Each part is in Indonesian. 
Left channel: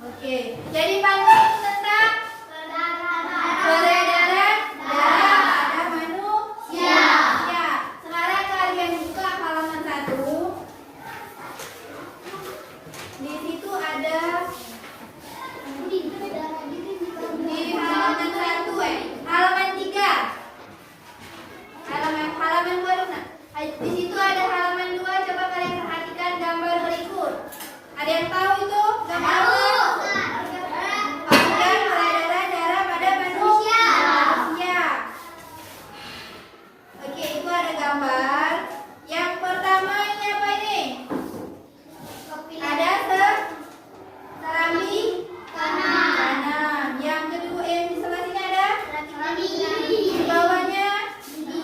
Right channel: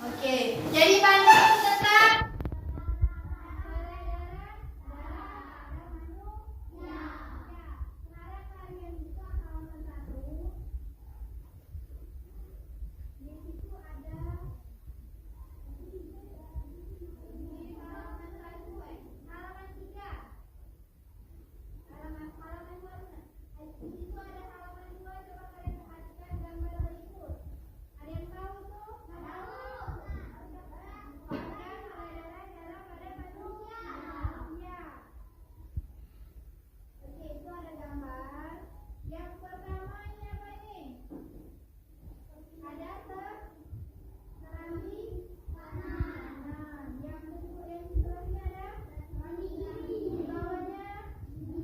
Oke, jadi pantun tentang peredaran darah pada manusia. Ya, sekarang kalian buka halaman 1. Di situ ada di halaman 1 halaman 3. Halaman 2 dong, Nak. Di situ ada halaman 2, coba kalian perhatikan gambar berikut. Ada yang tahu itu gambar apa? Peredaran darah pada manusia. Oke, itu ada gambar. Yang pertama ini apa ini? Ada serambi kanan. Yang kedua yang di sebelah sini ada di bawahnya di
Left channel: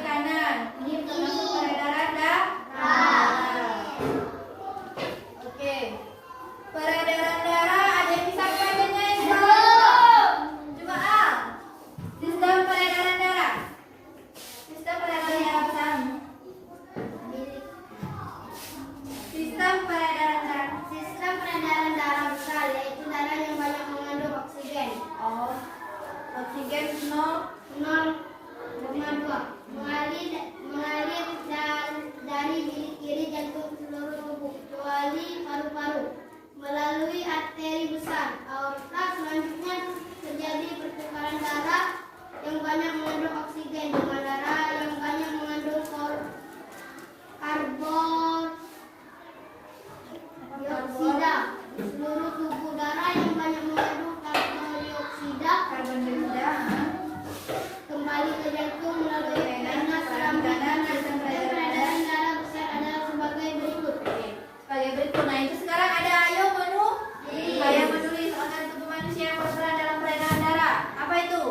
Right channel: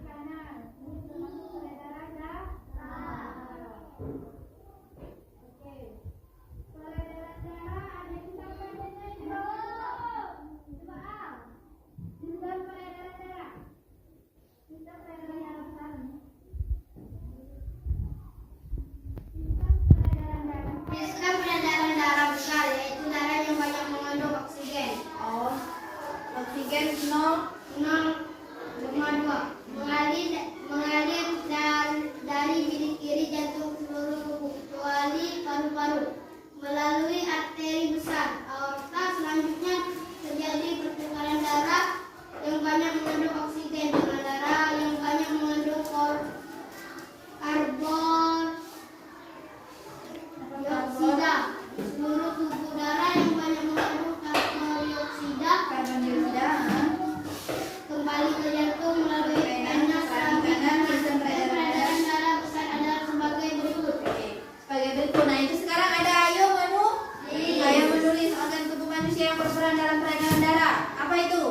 kanan. Ini termasuk peredaran darah. Oke. Peredaran darah ada yang bisa bacanya ini? Coba A. Sistem peredaran darah. Sistem peredaran darah pertama. Sistem peredaran darah. Sistem peredaran darah besar yaitu darah yang banyak mengandung oksigen. Oh, oksigen 0,2 mengalir dari bilik kiri jantung ke seluruh tubuh kecuali paru-paru melalui arteri besar aorta. Selanjutnya terjadi pertukaran darah yang banyak mengandung oksigen dengan darah yang banyak mengandung karbon dioksida di seluruh tubuh. Darah yang banyak mengandung karbon dioksida kembali ke jantung melalui vena sampingan. Sistem peredaran darah besar adalah sebagai berikut. sebagai berikut. Nah, itu sekarang ada ayo menulis organ tubuh manusia yang berperan dalam peredaran darah. Apa itu?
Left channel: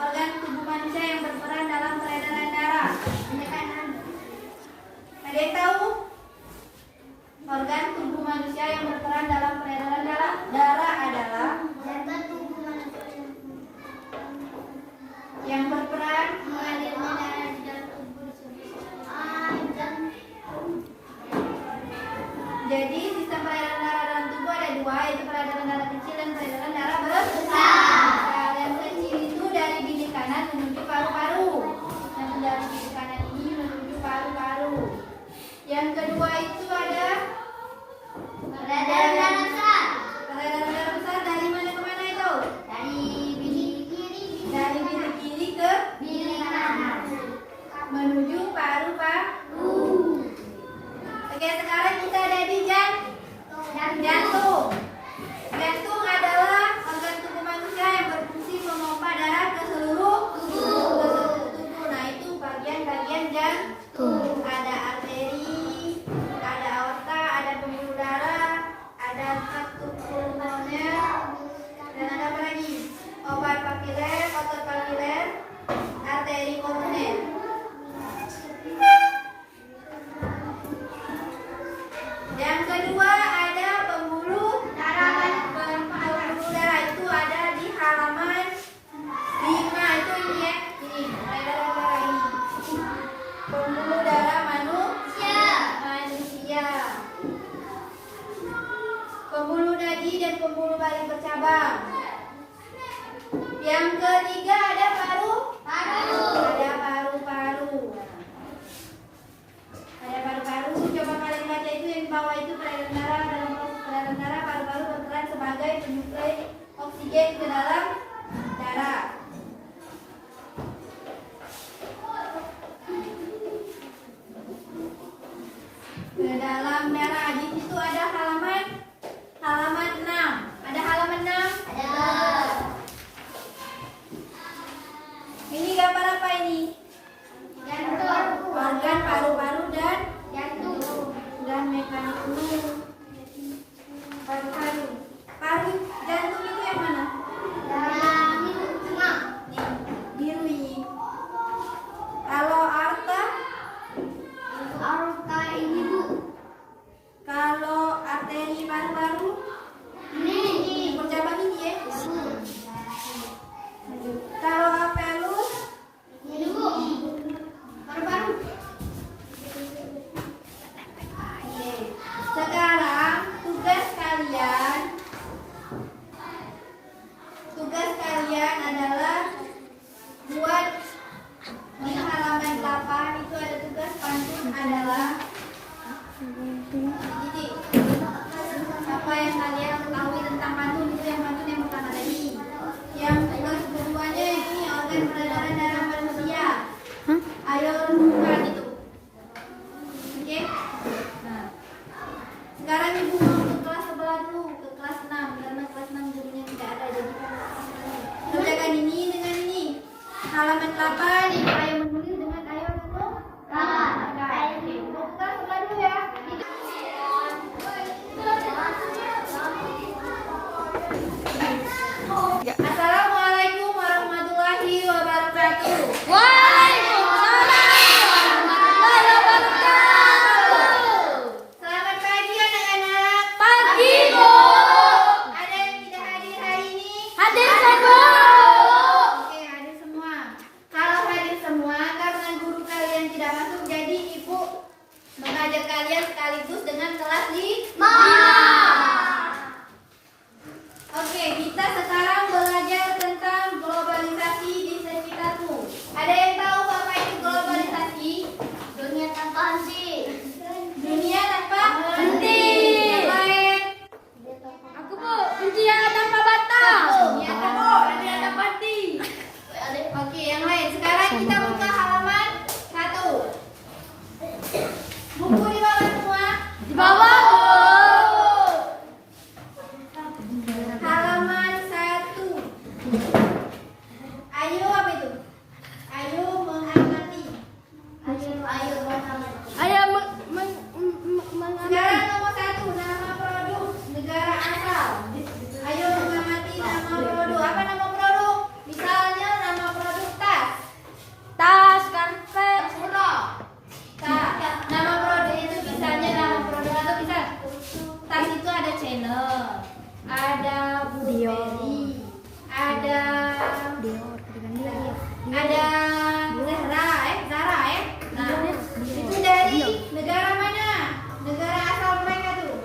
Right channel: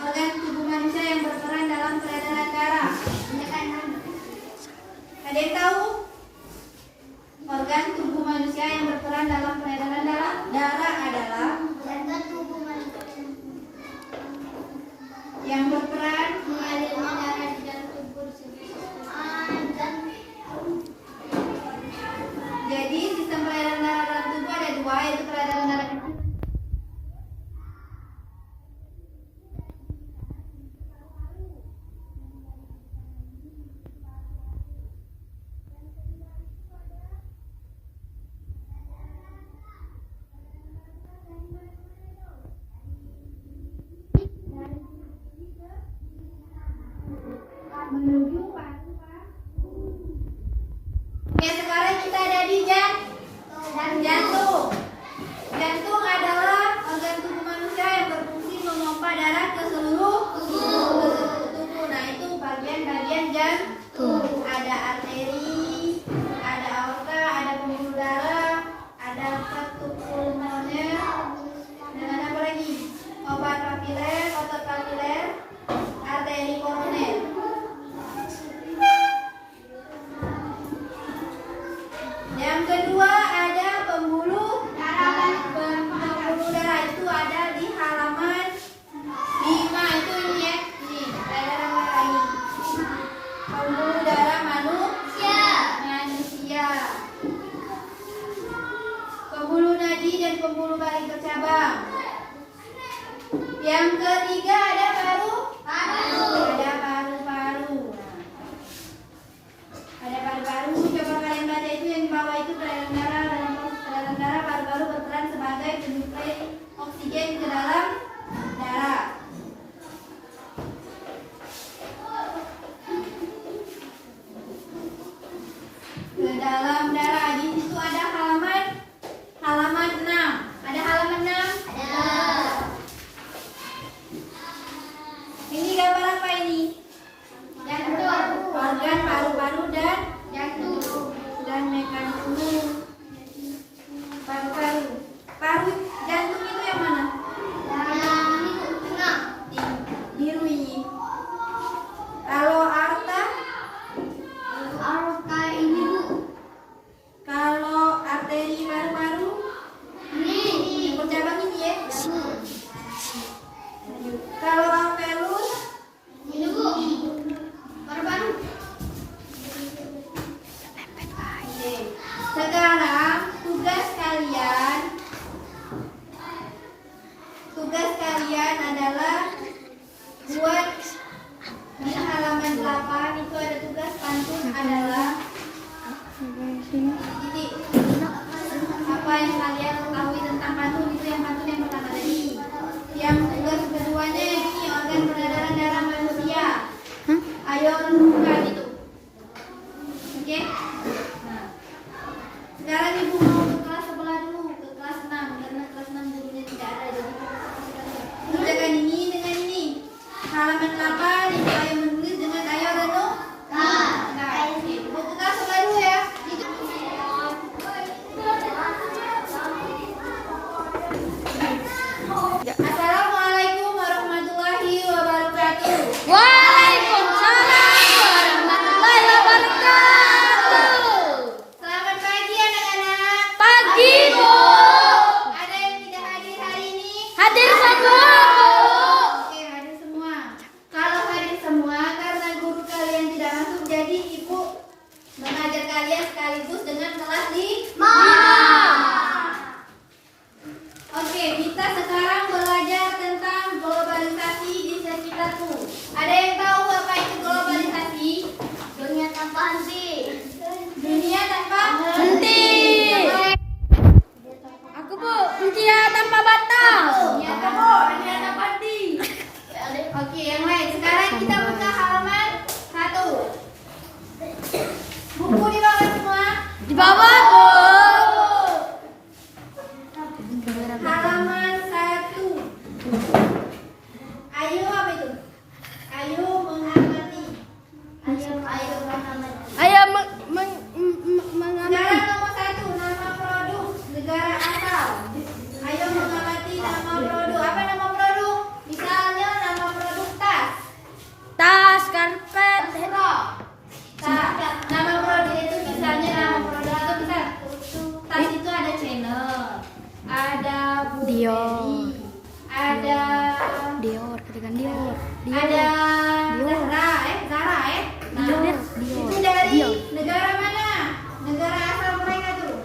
Organ tubuh manusia yang berperan dalam peredaran darah. Ada yang tahu? Organ tubuh manusia yang berperan dalam peredaran darah adalah Organ tubuh manusia yang berperan mengalirnya darah di dalam tubuh dan jadi sistem peredaran darah dalam tubuh ada 2, yaitu peredaran darah kecil dan peredaran darah besar. Yang kecil itu dari bilik kanan menuju paru-paru, dan dari bilik kanan ini menuju paru-paru. Yang kedua itu ada peredaran darah besar peredaran darah besar dari mana ke mana itu? dari bilik kiri Dari bilik kiri ke bilik kanan menuju paru-paru. Oke, sekarang kita ada di jantung. Jantung adalah organ tubuh manusia yang berfungsi memompa darah ke seluruh tubuh. Nah, itu bagian-bagian jantung. Ada arteri, ada aorta, ada pembuluh darah, ada katup pulmoner, dan ada apa lagi? Otot papiler, arteri koroner. Yang kedua ada pembuluh darah. Pembuluh darah itu ada di halaman 5. Itu ini ya. Ini peredaran darah ini. Pembuluh darah pembuluh balik bercabang. Yang ketiga ada paru-paru. Ada paru-paru. Ada paru-paru. Coba kalian baca itu yang di bawah itu peredaran darah. Dalam proses peredaran darah, paru-paru berperan sebagai penyuplai oksigen ke dalam darah. Ke dalam darah. Di situ ada halaman 6. Ada halaman 6? Ada. Ini gambar apa ini? Organ paru-paru dan jantung dan mekanisme paru-paru. Paru jantung itu yang mana? Yang itu tengah. Biru ini. Kalau arta? Arka ini Bu. Kalau arteri paru-paru? Ini. Yang bercabang ini ya? Kalau alveolus? Ini Bu. Paru-paru. Oke. Sekarang tugas kalian adalah buat di halaman 8 itu ada tugas pantun adalah jadi apa yang kalian ketahui tentang pantun itu yang pantun yang pertama tadi. Yang tugas keduanya ini organ peredaran darah manusia. Ayo renungkan itu. Oke? Nah, sekarang ibu mau ke kelas sebelah dulu, ke kelas 6 karena kelas 6 gurunya tidak ada jadi kerjakan ini dengan ini. Halaman 8 ibu ayo menulis dengan ayo renungkan. Oke, ibu ke kelas sebelah dulu ya. Assalamualaikum warahmatullahi wabarakatuh. Selamat pagi anak-anak. Pagi Bu. Ada yang tidak hadir hari ini? Hadir semua. Oke, hadir semua. Kalau hadir semua karena guru kalian tidak masuk, jadi ibu mengajar kalian sekaligus dengan kelas 5. Oke, kita sekarang belajar tentang globalisasi di sekitarmu. Ada yang tahu apa itu globalisasi? Dunia tanpa henti. Dunia tanpa Henti. Yang lain? Aku Bu. Dunia tanpa batas. Dunia tanpa henti. Oke, yang lain. Sekarang kita buka halaman 1. Buku di bawah semua. Di bawah Bu. Halaman 1. Ayo apa itu? Ayo mengamati. Ayo mengamati. Sekarang nomor 1, nama produk negara asal. Ayo mengamati nama produk. Apa nama produk? Misalnya nama produk tas. Tas, karpet. Tas. Nama produk itu misalnya nama produk itu misal tas itu ada Chanel, ada Burberry, ada Dior, katakan Dior. ada Zara Nah, itu dari negara mana? Negara asal mereka tuh.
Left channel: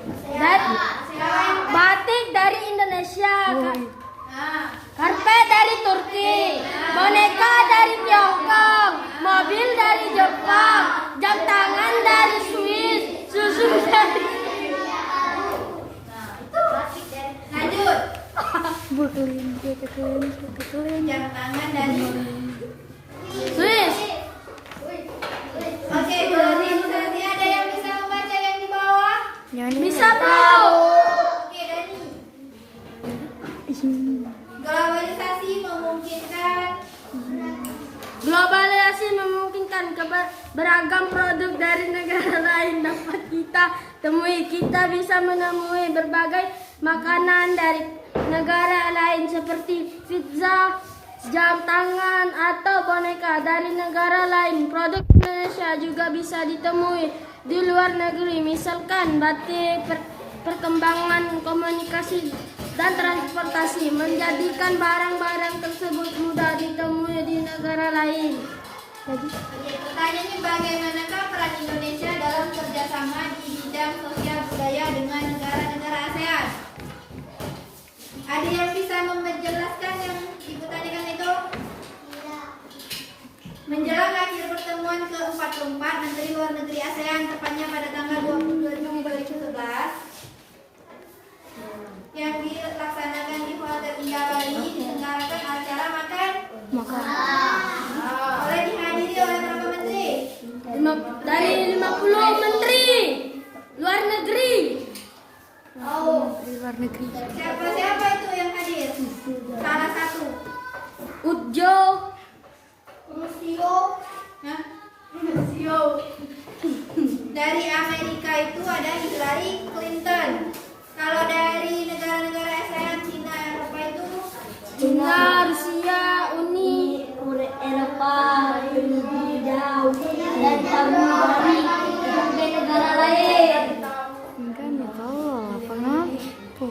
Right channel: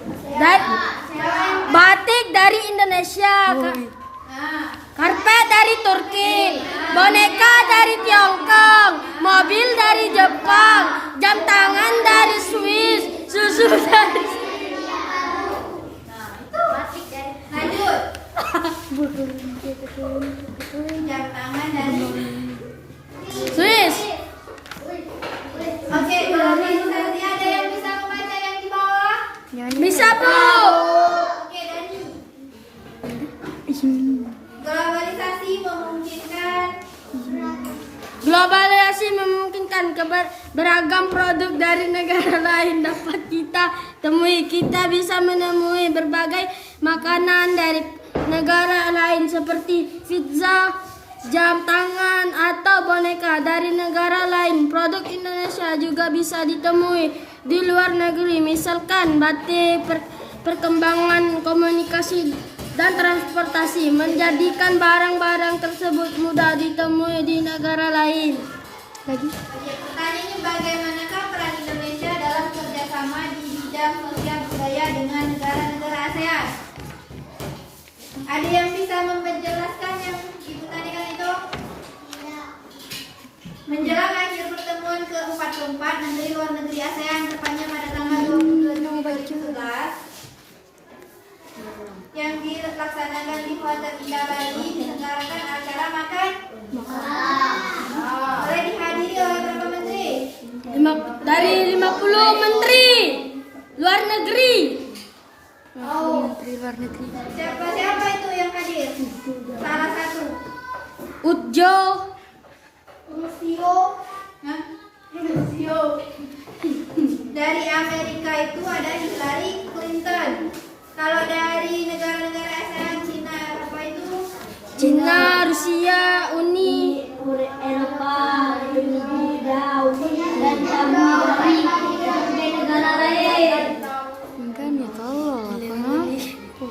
Batik dari Indonesia. Nah, Karpet dari Turki. Boneka dari Tiongkok. Mobil dari Jepang. Jam tangan dari Swiss. Susu dari lanjut. Jam tangan dari Swiss. Oke, globalisasi ada yang bisa membaca yang di bawah? Bisa Bu. Oke, Dani. Globalisasi memungkinkan beragam produk dari negara lain dapat kita temui. Kita bisa menemui berbagai makanan dari negara lain seperti pizza, jam tangan, atau boneka dari negara lain. Produk Indonesia juga bisa ditemui di luar negeri, misalkan batik, perkembangan komunikasi dan transportasi menjadikan barang-barang tersebut mudah ditemui di negara lain. Pertanyaannya, bagaimanakah peran Indonesia dalam kerjasama di bidang sosial budaya dengan negara-negara ASEAN? Ada yang bisa menjelaskan yang Ibu tadikan itu? Menjelang akhir pertemuan ke-44 Menteri Luar Negeri ASEAN tepatnya pada tanggal 22 Juni 2011 yang dilaksanakan di Hotel Indah Bali diselenggarakan acara makan oleh dihadiri oleh berapa menteri? Dari 50 menteri luar negeri. Menteri luar negeri. Siapa itu yang hadir? Salah satu. Ujo. Rusio. Hah? Rusio. Dari Amerika itu ada Hillary Clinton. Kalau dari negara-negara ASEAN, Cina, Eropa itu Cina, Rusia, Uni Eropa, India, dan kami dari berbagai negara lain. Enggak nih tolol apa ngaku?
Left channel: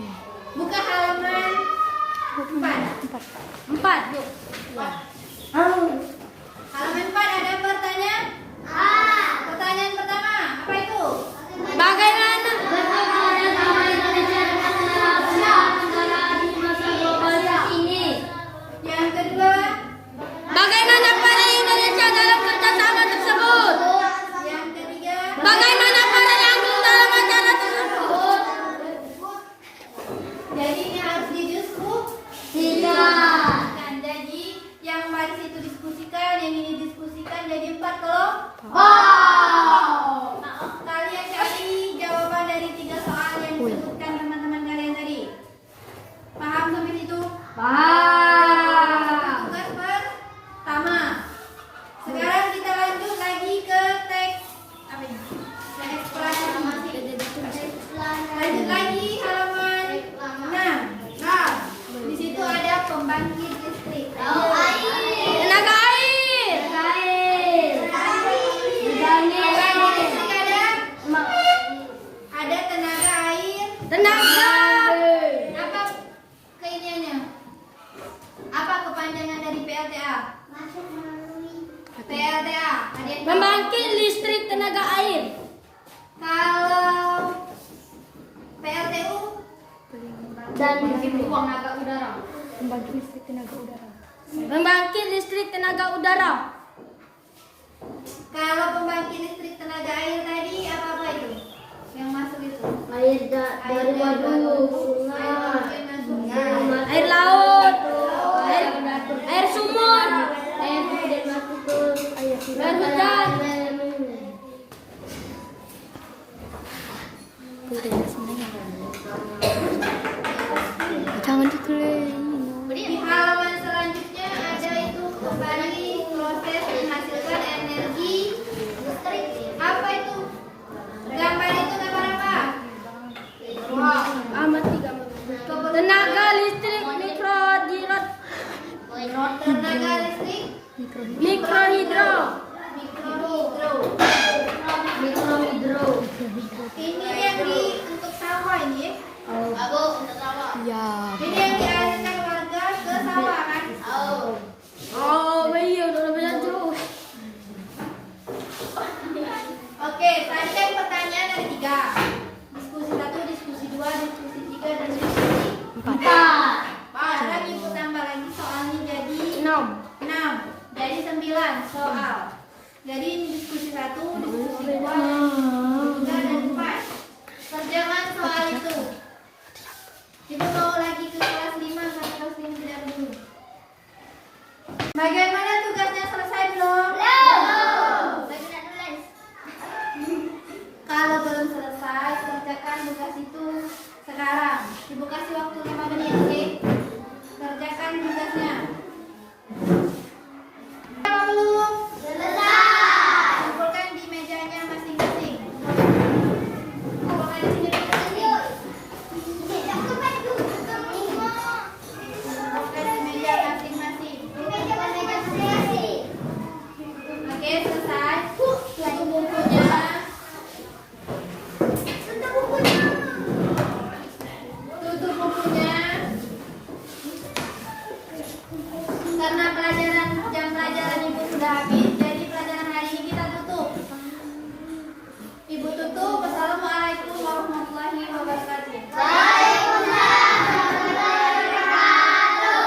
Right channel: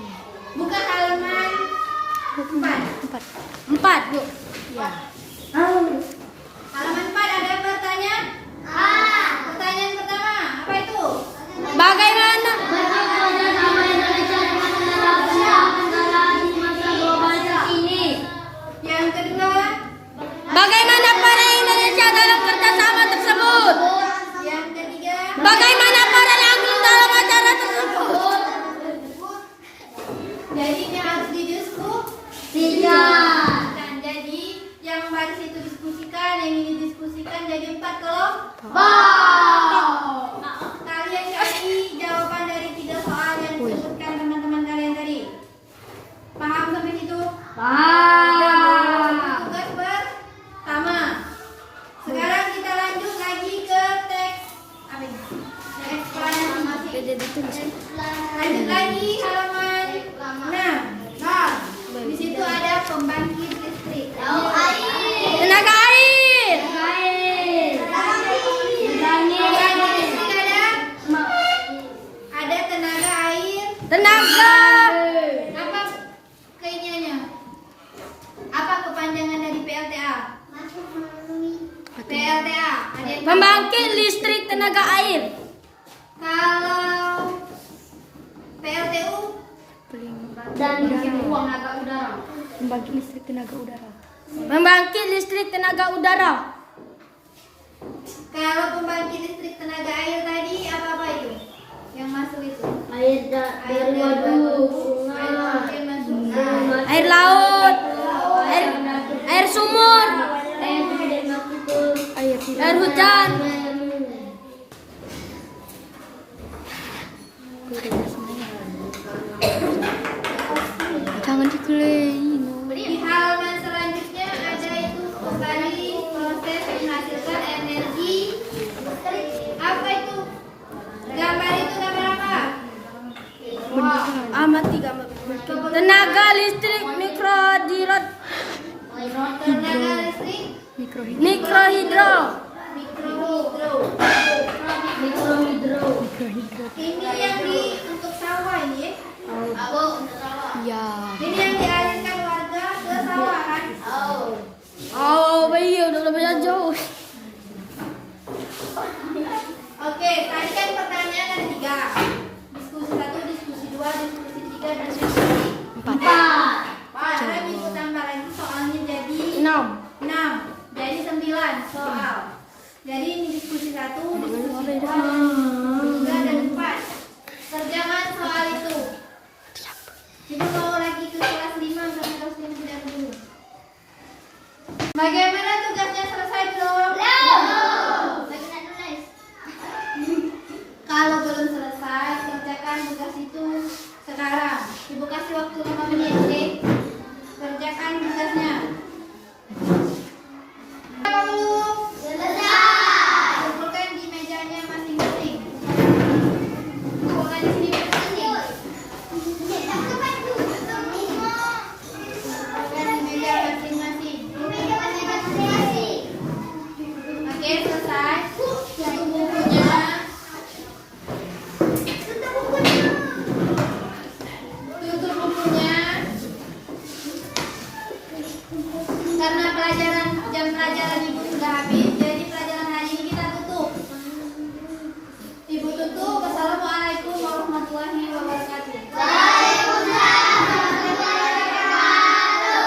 buka halaman 4. 4, Bu. Ya. Halaman 4 ada pertanyaan? Pertanyaan pertama, apa itu? Bagaimana Bagaimana sama Indonesia dengan negara Asia Tenggara di masa globalisasi ini? Yang kedua, bagaimana peran Indonesia dalam kerjasama tersebut? yang ketiga, Bagaimana peran Inggris dalam acara tersebut? jadi ini harus didiskusikan. Dan jadi yang baris itu diskusikan, yang ini diskusikan jadi 4 kelompok. Kalian cari jawaban dari 3 soal yang disebutkan teman-teman kalian tadi. Paham sampai situ? Tugas pertama. Sekarang kita lanjut lagi ke teks apa ini? Teks eksplanasi. Lanjut lagi halaman 6. Nah, di situ ada pembangkit listrik. Tenaga air. Pembangkit listrik ada tenaga air. Tenaga. Apa keiniannya? Apa kepanjangan dari PLTA? PLTA. Ada yang tahu? Pembangkit listrik tenaga air. Kalau PLTU Dan tenaga udara. pembangkit listrik tenaga udara. Pembangkit listrik tenaga udara. Kalau pembangkit listrik tenaga air tadi apa itu? Yang masuk itu? Air dari waduk, sungai, Air masuk. Air laut. Air sumur. air dari mati ke air Hujan. Jangan dikelein. Di halaman selanjutnya ada itu kembali proses menghasilkan energi listrik. Apa itu? Gambar itu gambar apa? Amati gambar. Tenaga listrik mikrohidro. Tenaga listrik Mikrohidro. mikrohidro. Ini yang untuk sawah ini ya? Ya. Ini yang dialirkan warga ke sawah kan? Oh, iya udah lebih jauh. Oke, tadi kan pertanyaan ada 3. Diskusi 1, diskusi 2, diskusi 3, dan diskusi 4.